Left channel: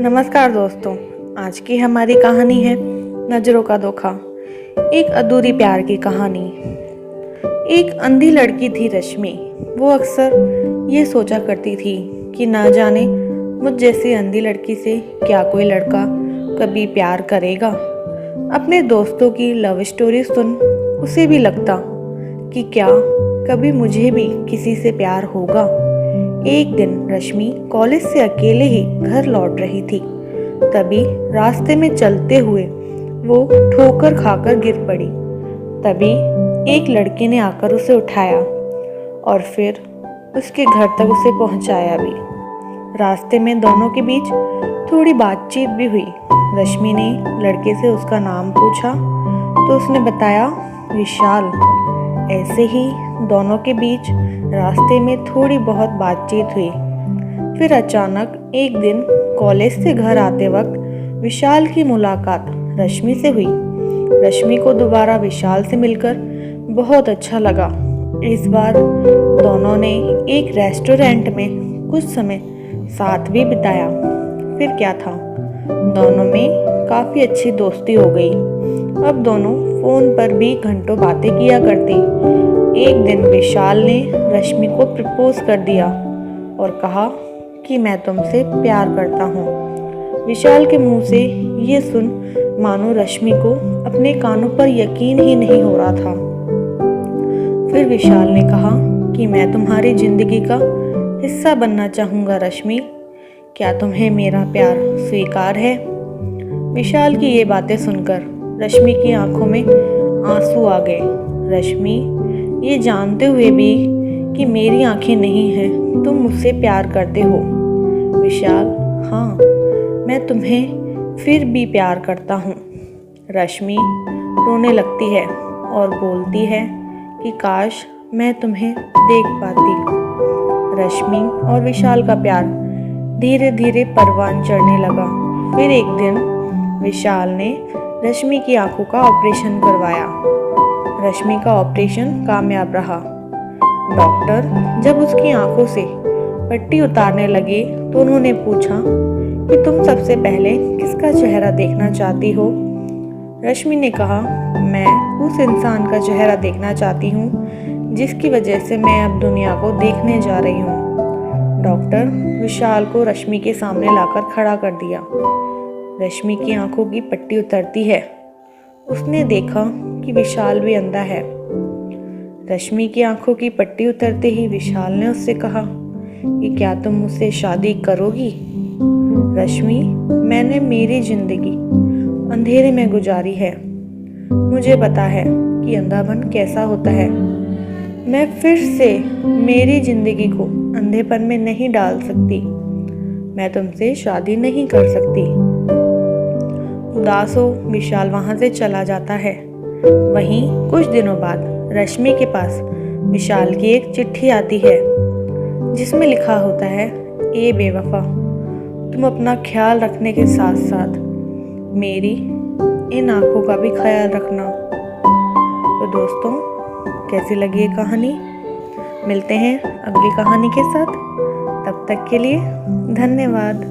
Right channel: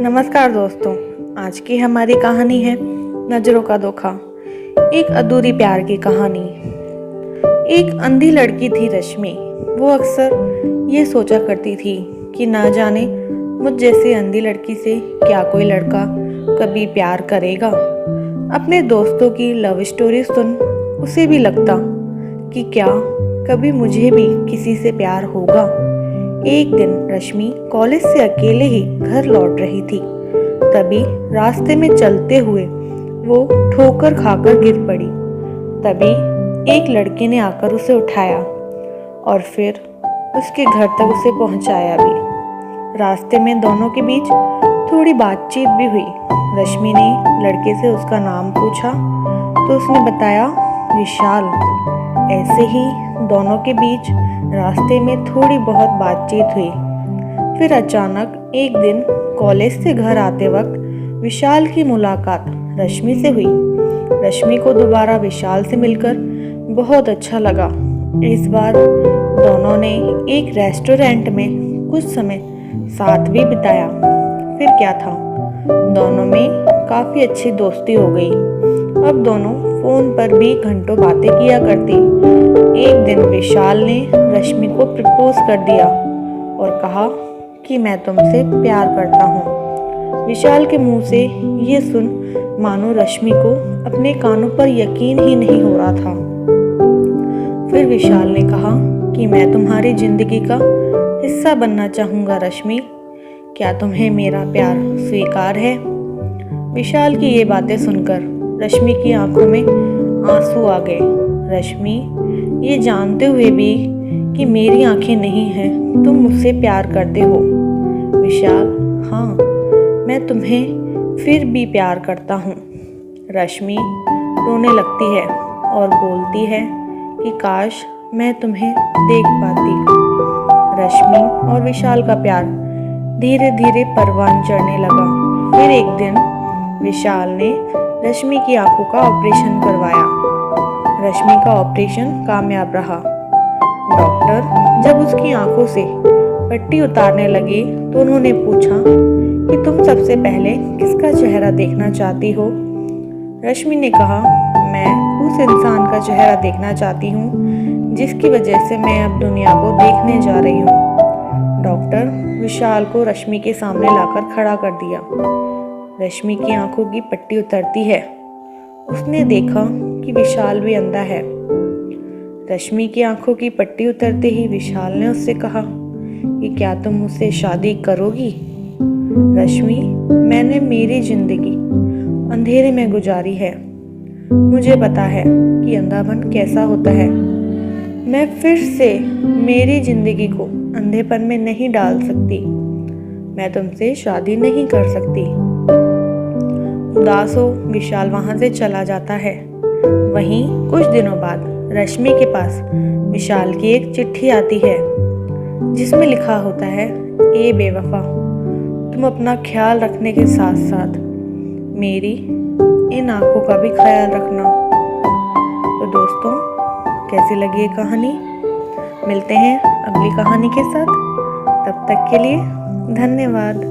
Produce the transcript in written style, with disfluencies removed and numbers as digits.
नमस्कार दोस्तों। आज की हमारी कहानी है नज़रों का धोखा। एक अधूरी प्यार की कहानी। एक अंधी लड़की थी रश्मि। वो अक्सर ये सोचा करती थी कि ना जाने मुझ जैसी अंधी लड़की से क्या कोई लड़का कभी प्यार करेगा। अपने दोस्तों की लव स्टोरी सुन उसे भी लगता कि क्या कभी मुझे भी किसी से प्यार होगा। एक दिन रश्मि कॉलेज से अकेले ही घर लौट रही थी। तभी रास्ते में चलते हुए वो ठोकर खाकर गिर पड़ी। तभी एक लड़के ने आकर उसे उठाया और फिर उसके घर तक उसे पहुंचाया भी। रास्ते में दोनों के बीच थोड़ी बातचीत भी हुई। रश्मि ने लड़के से उसका नाम पूछा तो उसने बताया विशाल। ऐसे ही दोनों के बीच रास्ते में थोड़ी बहुत बातचीत हुई। फिर अचानक एक दिन कॉलेज से घर आते वक्त विशाल की मुलाकात रश्मि से हुई। रश्मि को दोबारा विशाल से मिलकर बहुत अच्छा लगा। इस बार दोनों ने एक रेस्टोरेंट में कुछ समय साथ भी बिताया। फिर क्या था, दोनों में काफ़ी अच्छी दोस्ती हो गई। अब दोनों फ़ोन पर भी घंटों बातें किया करते। एक दिन विशाल ने रश्मि को प्रपोज कर दिया और कहा कि मैं तुमसे प्यार करता हूँ। विशाल के मुंह से ये सुन मानो रश्मि को अपने कानों पर यकीन ही नहीं हो रहा था। फिर विशाल ने कहा कि मैं तुम्हारी जिंदगी का हिस्सा बनना चाहूँगा रश्मि। क्या तुम्हें मेरा प्यार स्वीकार है? विशाल की ये बातें सुनकर रश्मि की आंखों में आंसू आ गए। रश्मि ये जानते हुए भी कि मेरी आंखें नहीं हैं, तुम मुझसे प्यार करते हो। विशाल, हाँ, मैं तुम्हें फिर भी प्यार करता हूँ। रश्मि रोने लगती है और बोलती है कि काश मैं तुम्हें देख पाती। रश्मि और विशाल का प्यार धीरे धीरे परवान चढ़ने लगा। फिर एक दिन विशाल ने रश्मि की आंखों का ऑपरेशन करवाया। रश्मि का ऑपरेशन कामयाब रहा। डॉक्टर जब उसकी आंखों से पट्टी उतारने लगे तो उन्होंने पूछा कि तुम सबसे पहले किसका चेहरा देखना चाहती हो? रश्मि ने कहा, मैं उस इंसान का चेहरा देखना चाहती हूँ जिसकी वजह से मैं अब दुनिया को देखने जा रही हूँ। डॉक्टर विशाल को रश्मि के सामने लाकर खड़ा कर दिया। रश्मि की आंखों की पट्टी उतरती है। उसने देखा कि विशाल भी अंधा है। रश्मि की आंखों की पट्टी उतरते ही विशाल ने उससे कहा कि क्या तुम मुझसे शादी करोगी? रश्मि, मैंने मेरी जिंदगी अंधेरे में गुजारी है। मुझे पता है कि अंधापन कैसा होता है। मैं फिर से मेरी जिंदगी को अंधेपन में नहीं डाल सकती। मैं तुमसे शादी नहीं कर सकती। उदास हो विशाल वहाँ से चला जाता है। वहीं कुछ दिनों बाद रश्मि के पास विशाल की एक चिट्ठी आती है जिसमें लिखा होता है, ए बेवफा, तुम अपना ख्याल रखने के साथ साथ मेरी इन आंखों का भी ख्याल रखना। तो दोस्तों, कैसी लगी ये कहानी? मिलते हैं अगली कहानी के साथ। तब तक के लिए धन्यवाद।